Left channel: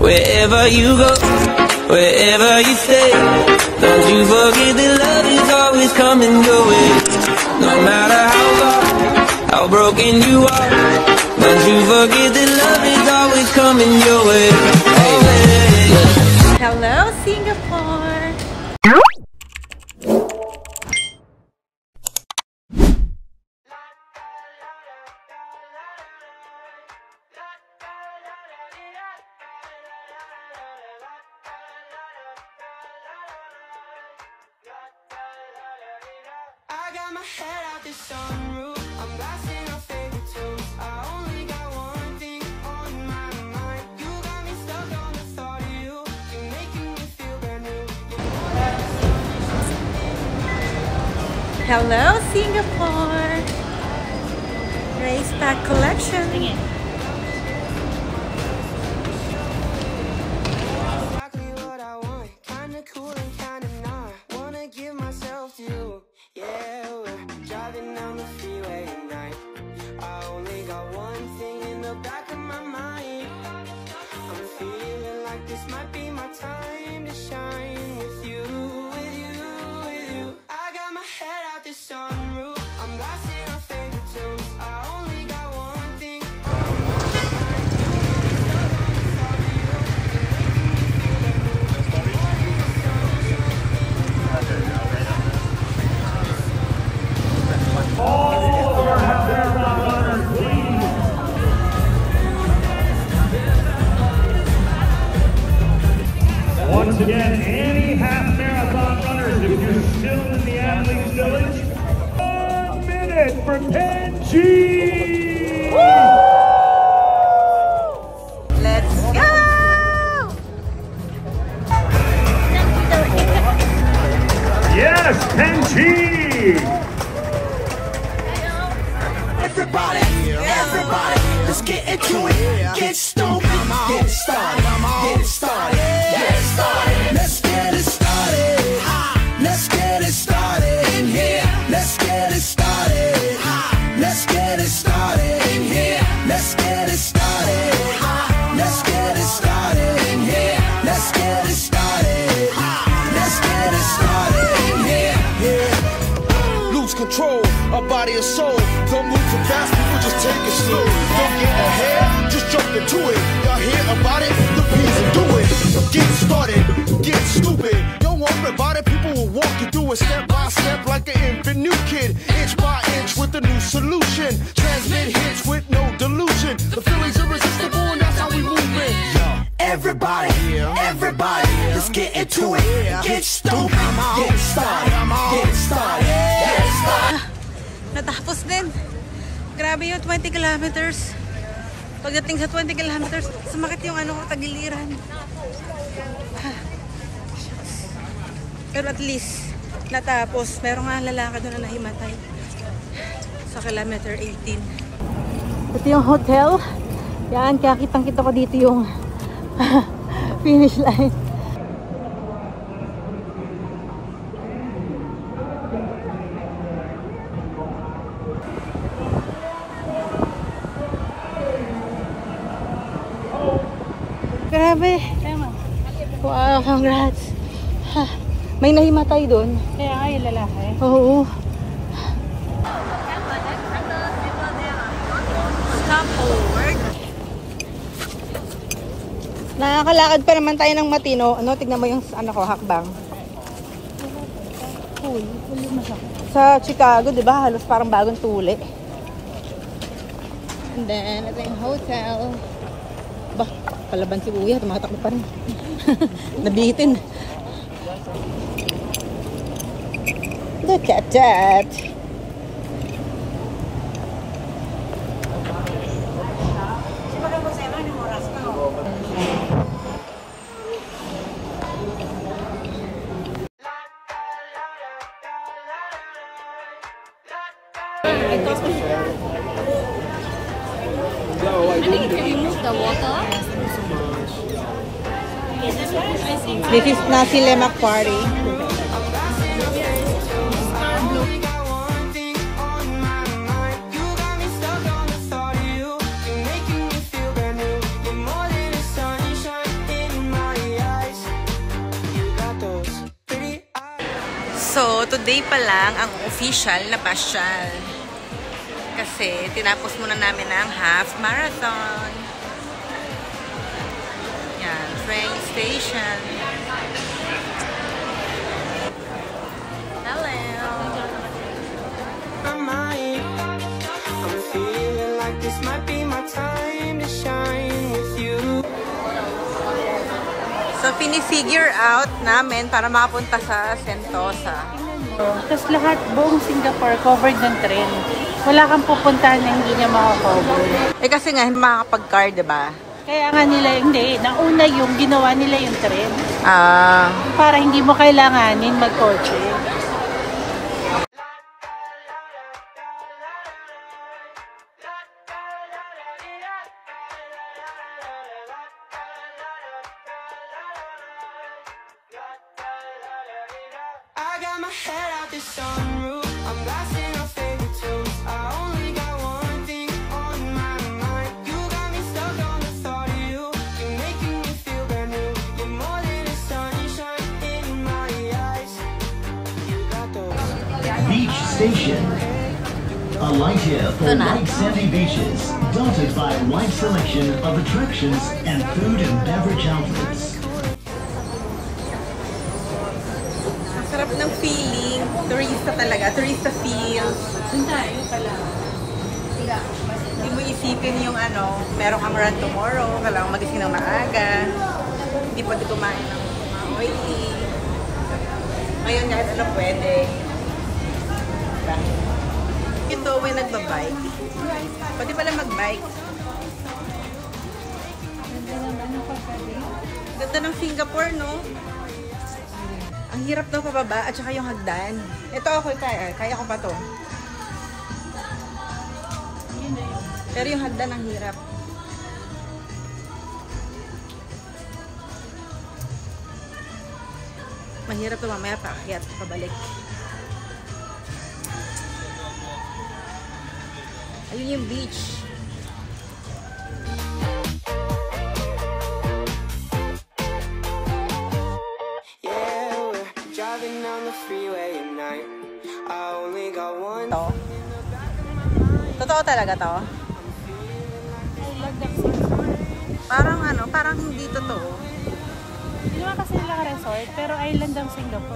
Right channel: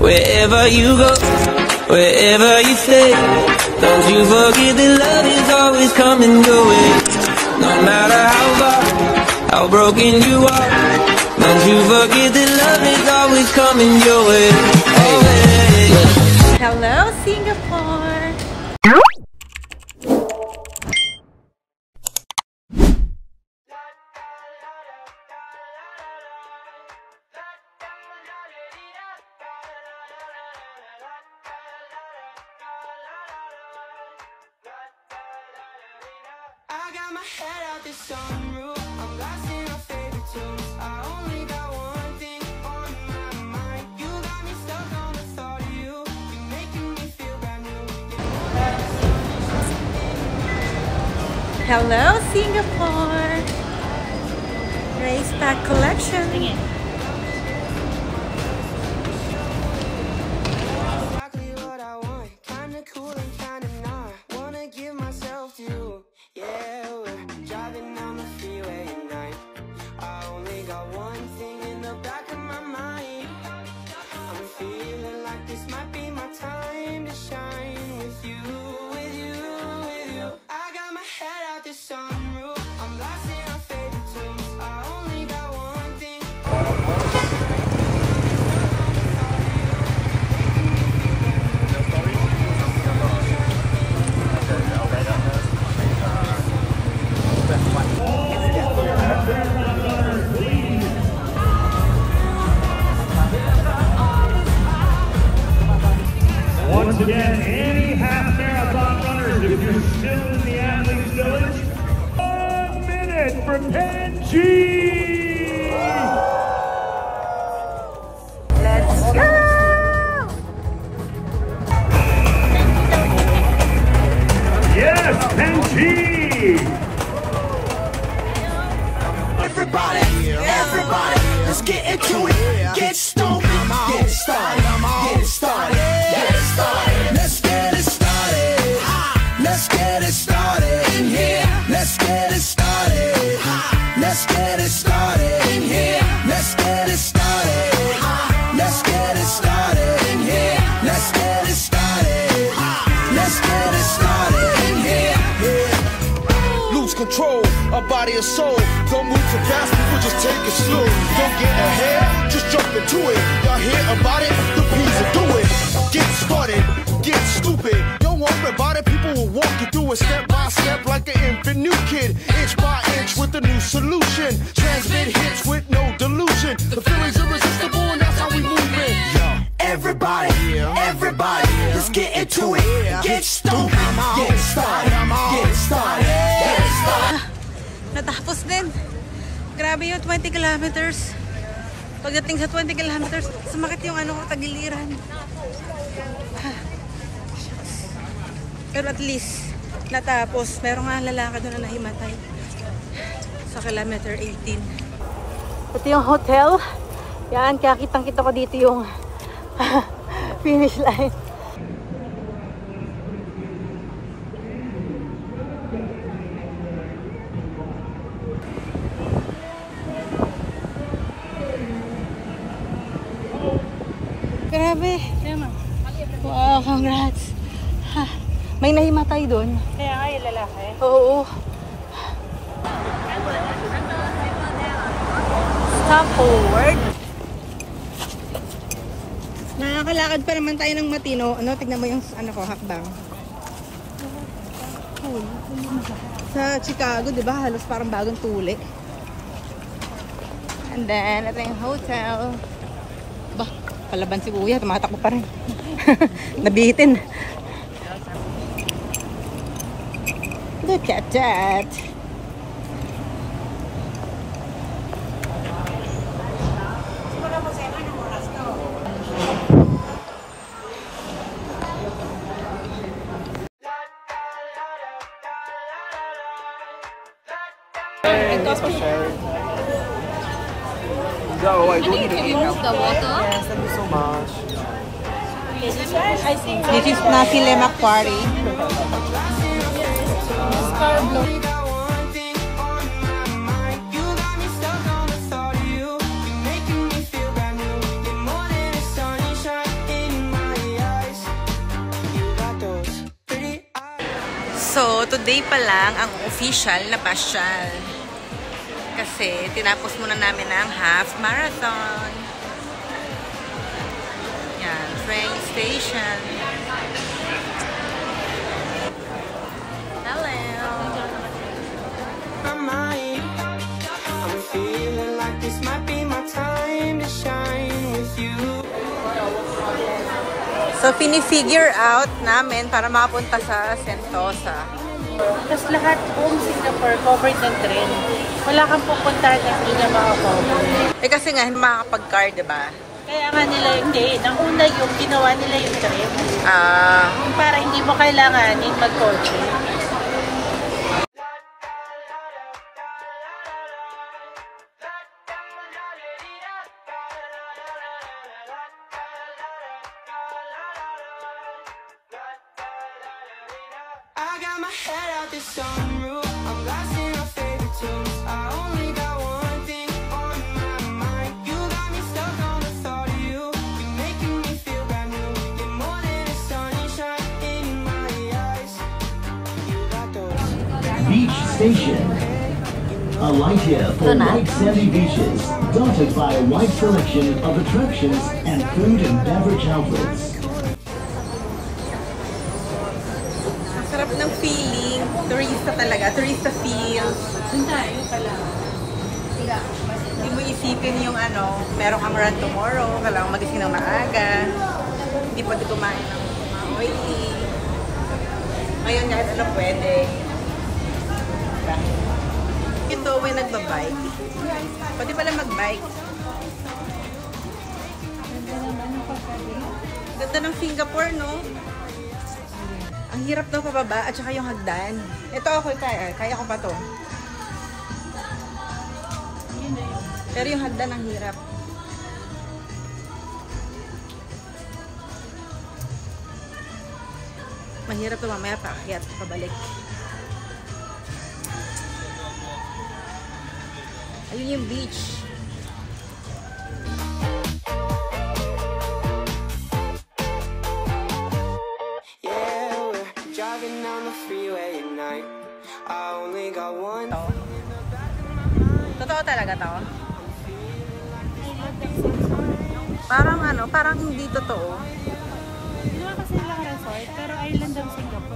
Wherever you go, wherever you stay, don't you forget that love is always coming your way. No matter how far, how broken you are, don't you forget that love is always coming your way. Hello, Singapore! I got my head out the sunroof, I'm blasting our favorite tunes. I only got one thing on my mind. You got me stuck on the thought of you. You're making me feel brand new. Hello, Singapore! Race Pack Collection. Exactly what I want, kinda cool and kinda not. Wanna give myself to you. Yeah, we're driving down the freeway at night. I only got one thing in the back of my mind. I'm feeling like this might be my time to shine with you, with you, with you. I got my head out the sunroof, I'm blasting our favorite tunes. I only got one thing on my mind. You got me stuck on the thought of you. You're making me feel brand new. The morning the sun shining in my room. Once again, any half marathon runners, if you're still in the athletes village, 1 minute for Penji! Let's go! Yes, Penji! Everybody, everybody, let's get into it. Get stupid, get it started, get it started, get it started. Let's get it started. Let's get it started in here. Let's get it started. Let's get it started in here. Let's get it started. Let's get it started in here. Let's get it started. Let's get it started in here. Lose control of body and soul. Don't move too fast, people just take it slow. Don't get ahead, just jump into it. Y'all hear about it? The P's and do it. Get started, get stupid. Don't worry about it, people will walk you through it step by step like an infant new kid. Inch by inch with a new solution. Transmit hits with no delusion. The feeling's irresistible and that's how we move it. Everybody, everybody, let's get into it. Get stupid, get it started, get it started, get it started. Natapos din. Grabe yung 20 kilometers. Pagdating sa 20 kilometers, sumakit yung ano ko, tagiliran. Pero at least, natapos. Meron nga lalaki doon na nahimatay. Sa kilometer 18. Ito yung hotel. Yan, kaya kitang-kita ko dito yung finish line. Grabe. Tama. Wow, congrats. May nahimatay doon. Kaya nga yung lalaki. Oo. Stop forward. Nakakalakad pa naman tayo ng matino. Ano, tignan mo yung ano ko, hakbang. Sa Chicago, di ba? Halos parang bagong tuli. And then, ito yung hotel. Bah, palaban si Kuya. Tumatakbo pa rin. Nabitin. Look at that. I think if you remove the water. Thank you so much. This is Nasi Lemak Quarry. So, today pa lang ang official na pasyal. Kasi, tinapos muna namin ang half marathon. Yan, train station. Hello! I'm feeling like this might be my time to shine with you. So, pinifigure out namin para makapunta sa Sentosa. Tapos lahat buong Singapore covered ng tren. Wala kang pupuntahan na hindi na makakover. Eh kasi nga, hindi makakapag-car, diba? Kaya nga nila, hindi. Nauna yung ginawa nila yung tren. Para hindi mo kailanganin mag-kotse. I got my head out the sunroof. I'm blasting our favorite tunes. I only got one thing on my mind. You got me stuck on the thought of you. You're making me feel brand new. You're more than a sunshine in my eyes. You got those Beach Station. Alight here for white sandy beaches, dotted by a wide selection of attractions and food and beverage outlets. Sarap ng feeling. Turista talaga. Turista feels. Doon tayo pala. Hindi mo isipin yung merong kang run tomorrow. Kailangan magising ng maaga. Hindi pwede kumain ng mga oily. Ngayon kahit ano pwede. Diba? Ito, may nagbabike. Pwede pala magbike. Ganda ng Singapore, no? Ang hirap daw pababa at saka yung hagdan. Ito ako, kaya ko pa to. Pero yung hagdan ang hirap. Mahirap to mamaya paakyat, pabalik. Ayun yung beach. driving down the freeway at night. I only got one to. thing in the back of my mind. Totoo talaga to? I'm feeling like this might be my time. Parang parang hindi totoo. Hindi naman kasi lang resort, pero island ang Singapore.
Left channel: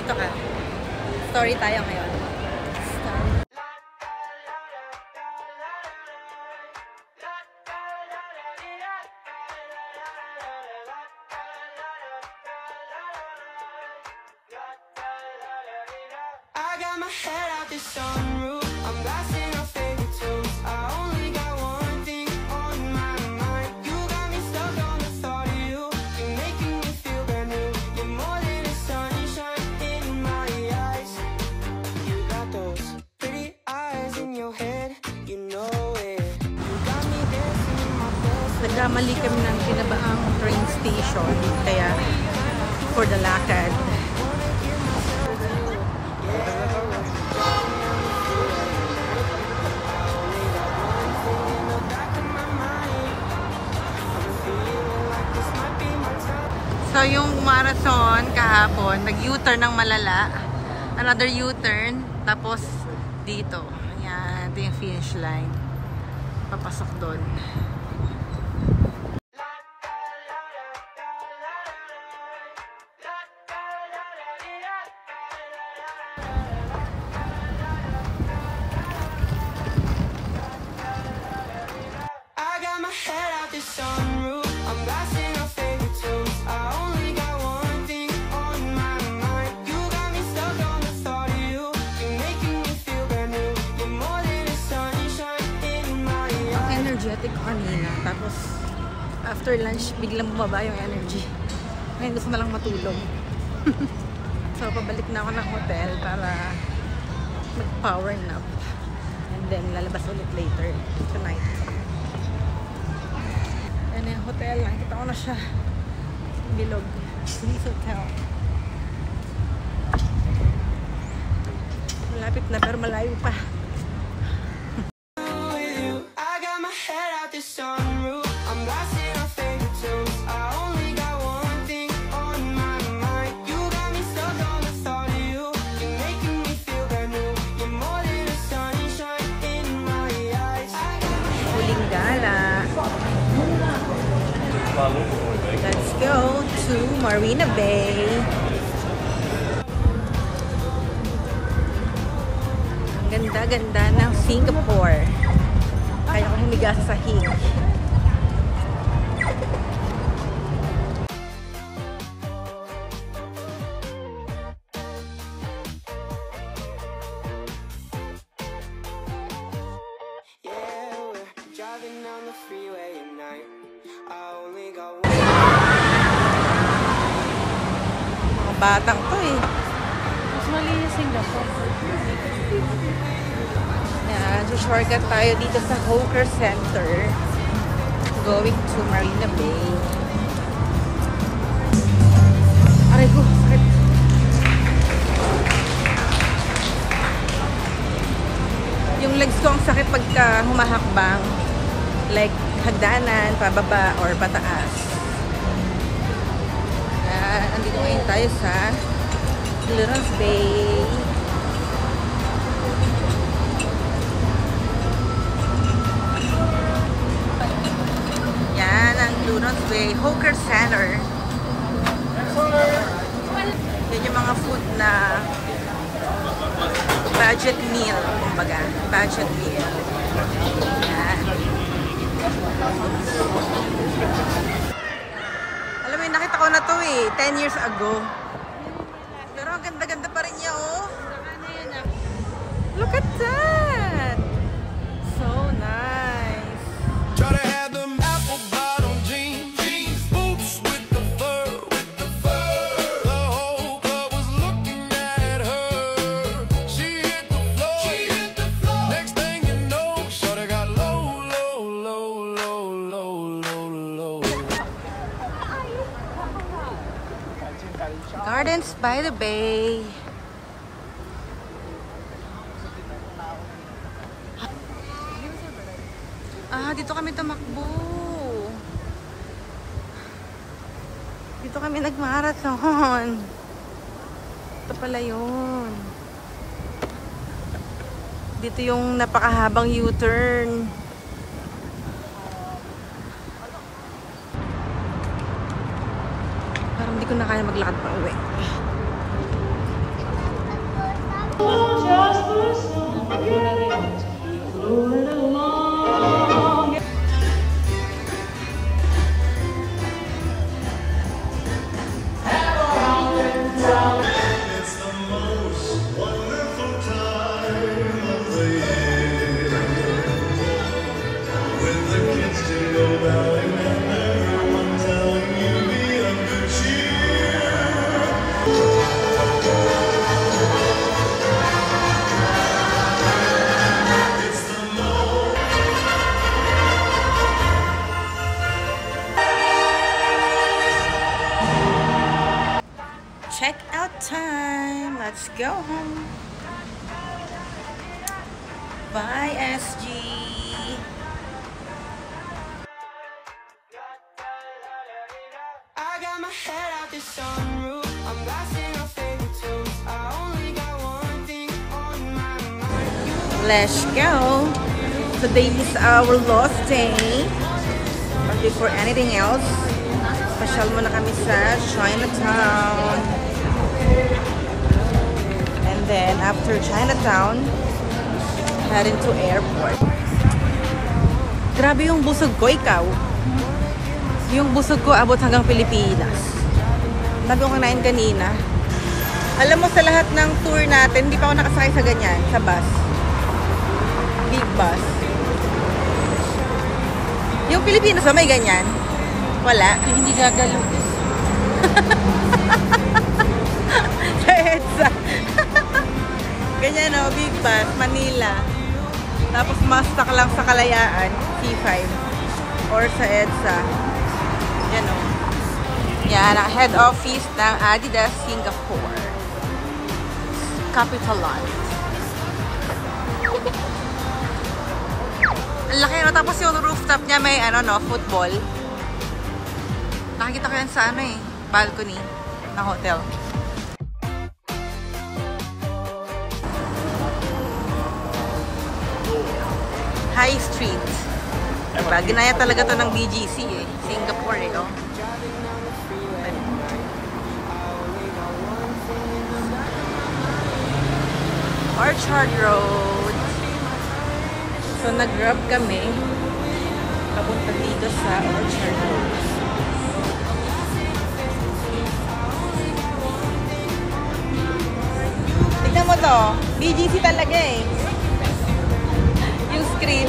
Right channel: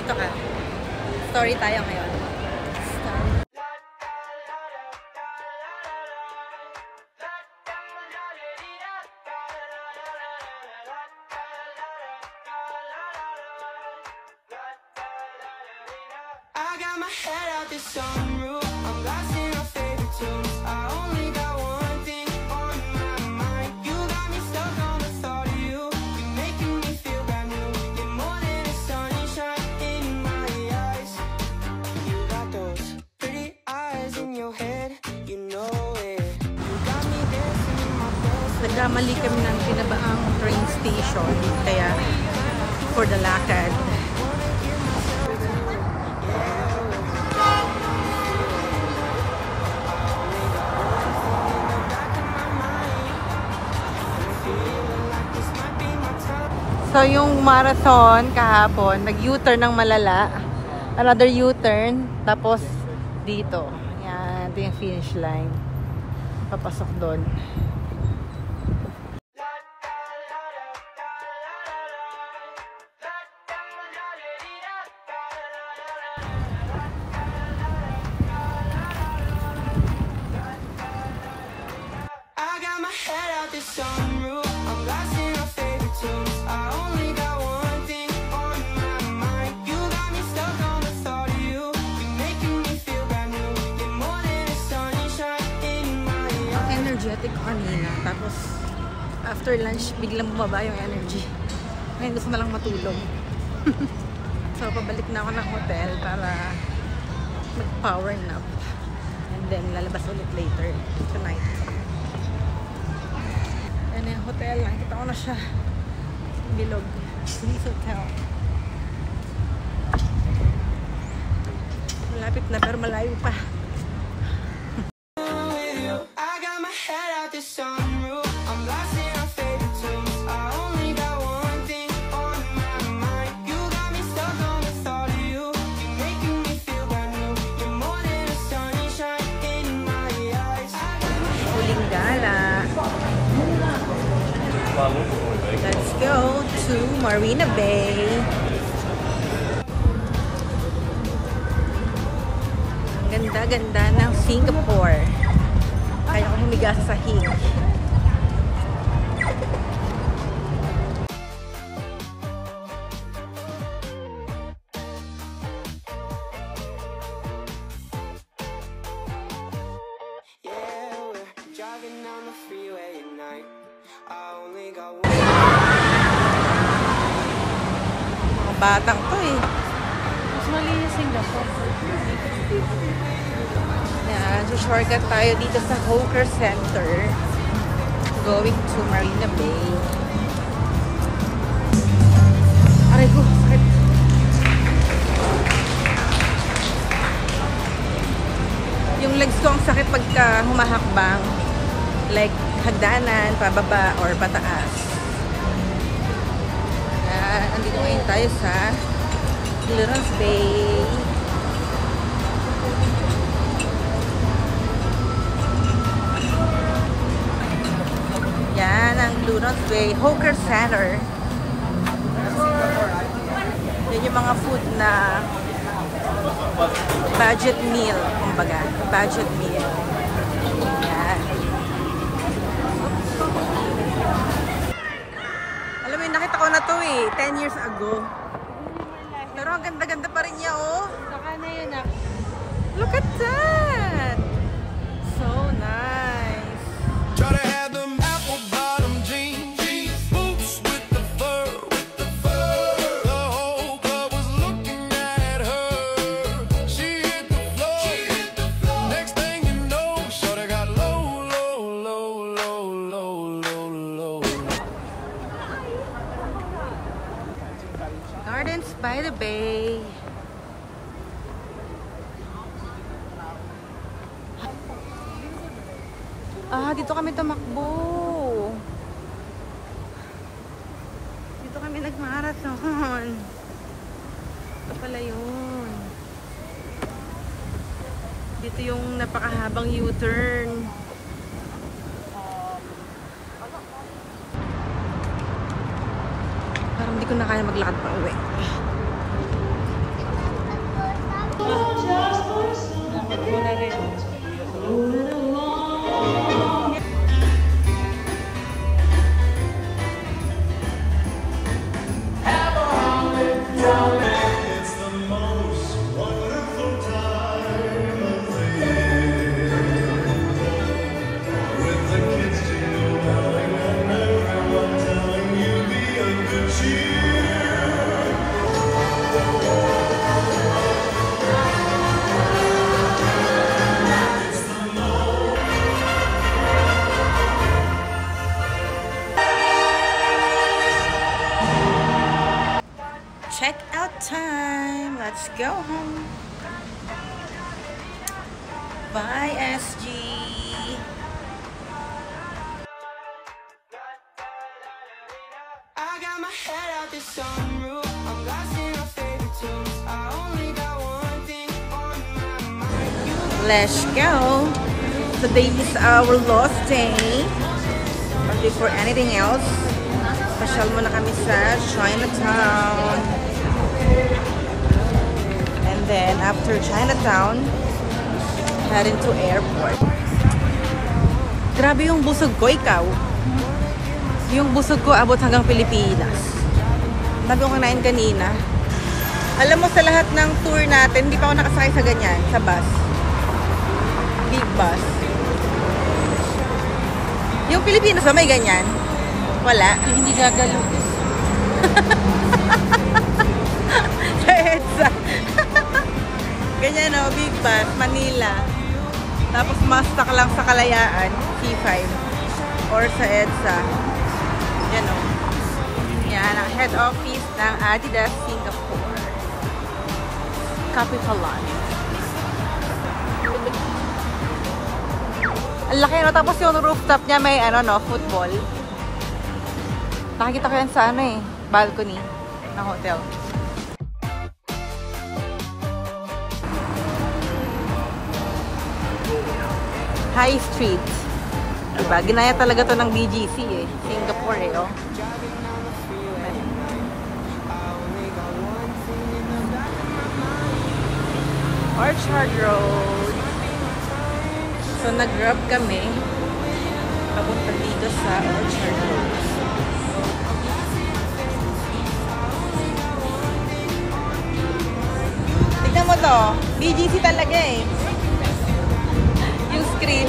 Dito ka. Story tayo ngayon. I got my head out the sunroof. I'm blasting our favorite tunes. I only got one thing on my mind. You got me stuck on the thought of you. You're making me feel brand new. You're more than a sunshine in my eyes. You got those pretty eyes in your head. You know it. You got me dancing in my best. Nagkamali kami ng pinabaang train station. Kaya, for the lakad. So, yung marathon kahapon, nag-U-turn ng malala. Another U-turn. Tapos, dito. Ayan, ito yung finish line. Papasok doon. I got my head out the sunroof. I'm blasting our favorite tunes. I only got one thing on my mind. You got me stuck on the thought of you. You're making me feel brand new. You're more than a sunshine in my eyes. Ang energetic kanina. Tapos, after lunch, biglang bumaba yung energy. Ngayon gusto na lang matulog. So, pabalik na ako ng hotel para mag-power nap. And then lalabas ulit later tonight. Yan yung hotel. Nakita ko na siya. Bilog. Police Hotel. Malapit na pero malayo pa. I got my head out the sunroof. I'm blasting our favorite tunes. I only got one thing on my mind. You got me stuck on the thought of you. You're making me feel brand new. You're more than a sunshine in my eyes. Huling gala. Let's go to Marina Bay. Ang ganda-ganda ng Singapore. Kaya ko humiga sa sahig. Yeah, we're driving down the freeway at night. I only got one. Mga batang to eh. Mas mali yung Singapore. Yan, so shortcut tayo dito sa Hawker Center. Going to Marina Bay. Aray ko, sakit. Yung legs ko ang sakit pagka humahakbang. Like, hagdanan, pababa, or pataas. Andito ngayon tayo sa Lawrence Bay. Yan ang Lawrence Bay Hawker Center. Yan yung mga food na budget meal, kumbaga. Budget meal. Yan. Oops. Alam mo, nakita ko na to eh, 10 years ago. Pero ang ganda-ganda pa rin niya, oh. Look at that! So nice. Try to have them apple bottom jeans, boots with the fur, The whole club was looking at her. She hit the floor. Next thing you know, shorty got low. Gardens by the Bay. Dito kami tumakbo. Dito kami nagmarathon. Ito pala yun. Dito yung napakahabang U-turn. Parang hindi ko na kaya maglakad pa uwi. Check out time. Let's go home. Bye, SG. I got my head out the sunroof. I'm blasting our favorite tunes. I only got one thing on my mind. Let's go. Today is our last day. But before anything else, pasyal muna kami sa Chinatown. And then after Chinatown, head into airport. Grabe yung busog ko, ikaw. Yung busog ko abot hanggang Pilipinas. Sabi ko kanain kanina. Alam mo, sa lahat ng tour natin, hindi pa ako nakasakay sa ganyan, sa bus. Big bus. Yung Pilipinas ba may ganyan? Wala. Hindi gagalo. Sa EDSA. Ganyan o, big bus, Manila. Tapos mastak lang sa Kalayaan, C5. Or sa EDSA. Yan o. Yan ang head office ng Adidas Singapore. Capitalan. Ang laki no. Tapos yung rooftop niya may ano no, football. Nakikita ko yan sa ano eh, balcony ng hotel. High Street. Diba? Ginaya talaga to ng BGC eh. Singapore eh, oh. Orchard Road. So, nag-grab kami. Papunta dito sa Orchard Road. Tignan mo to. BGC talaga eh. Yung screen.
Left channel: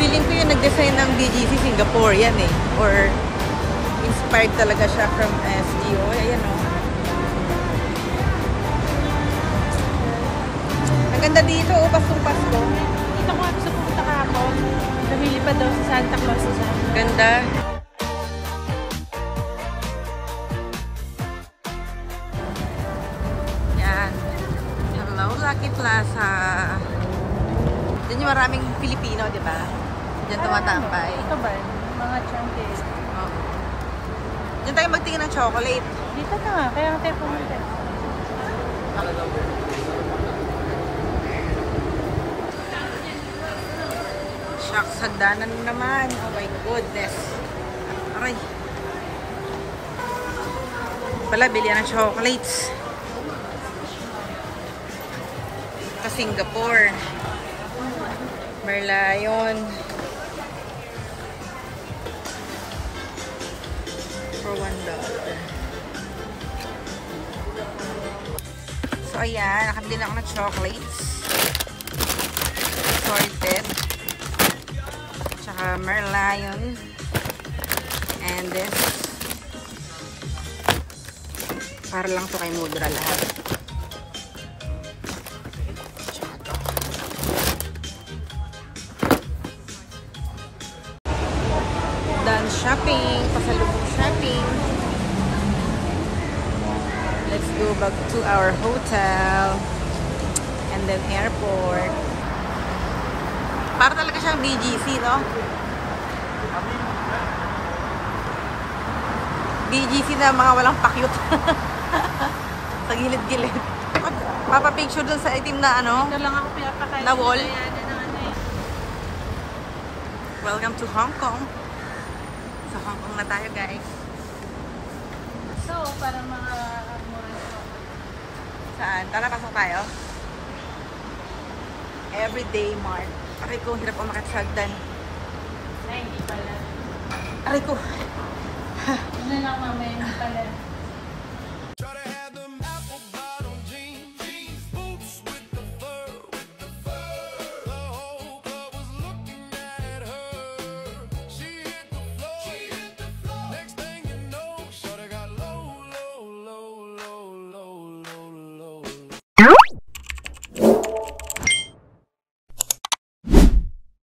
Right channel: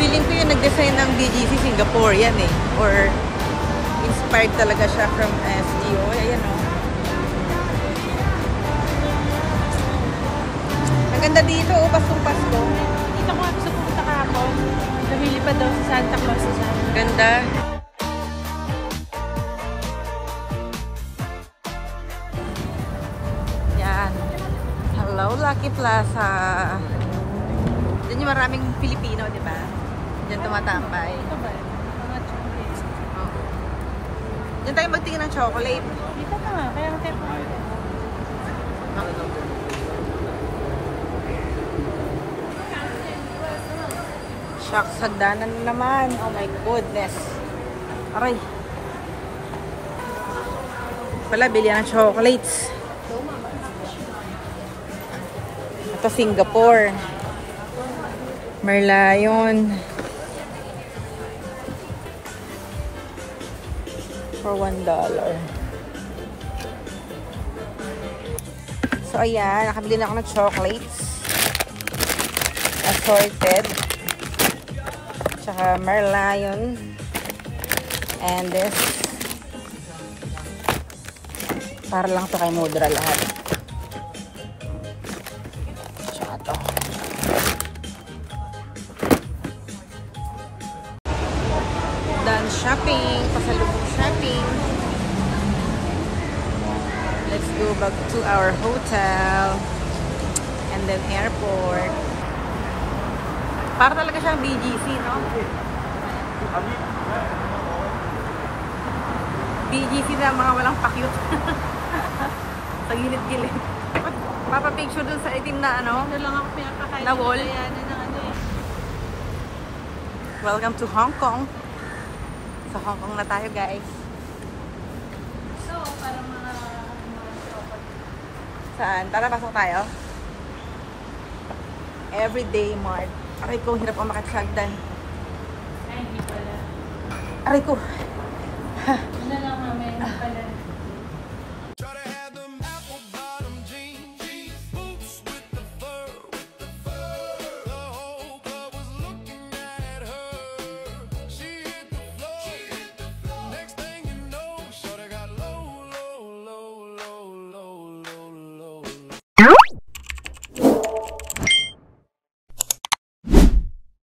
Feeling ko yung nag-design ng BGC Singapore yan eh. Or inspired talaga siya from SGO. Ayan o. Ang ganda dito o, Pasko. Dito ko ako sa pumunta kahapon. Namili pa daw sa Santa Claus sa sana. Ganda. Yan. Hello, Lucky Plaza. Diyan yung maraming Pilipino, di ba? Diyan tumatambay. Ito ba? Mga chunky. Oo. Diyan tayo magtingin ng chocolate. Dito na nga. Kaya ang tayo pumunta. Shucks, hagdanan naman. Oh my goodness. Aray. Pala, bilihan ng chocolates. Ito, Singapore. Merlion. For $1. So, ayan. Nakabili na ako ng chocolates. Assorted. Tsaka Merlion. And this. Para lang to kay Mudra lahat. Done shopping. Pasalubong shopping. Let's go back to our hotel. And then airport. Para talaga siyang BGC, no? BGC na mga walang pakyut. Sa gilid-gilid. Papapicture dun sa itim na ano? Ito lang ako pinapakain. Na wall. Eh. Welcome to Hong Kong. Sa Hong Kong na tayo, guys. So, parang mga Saan? Tara, pasok tayo. Everyday Mart. Aray ko, hirap umakit sa hagdan. Ay, hindi pala. Aray ko. Hindi lang mamaya, hindi pala.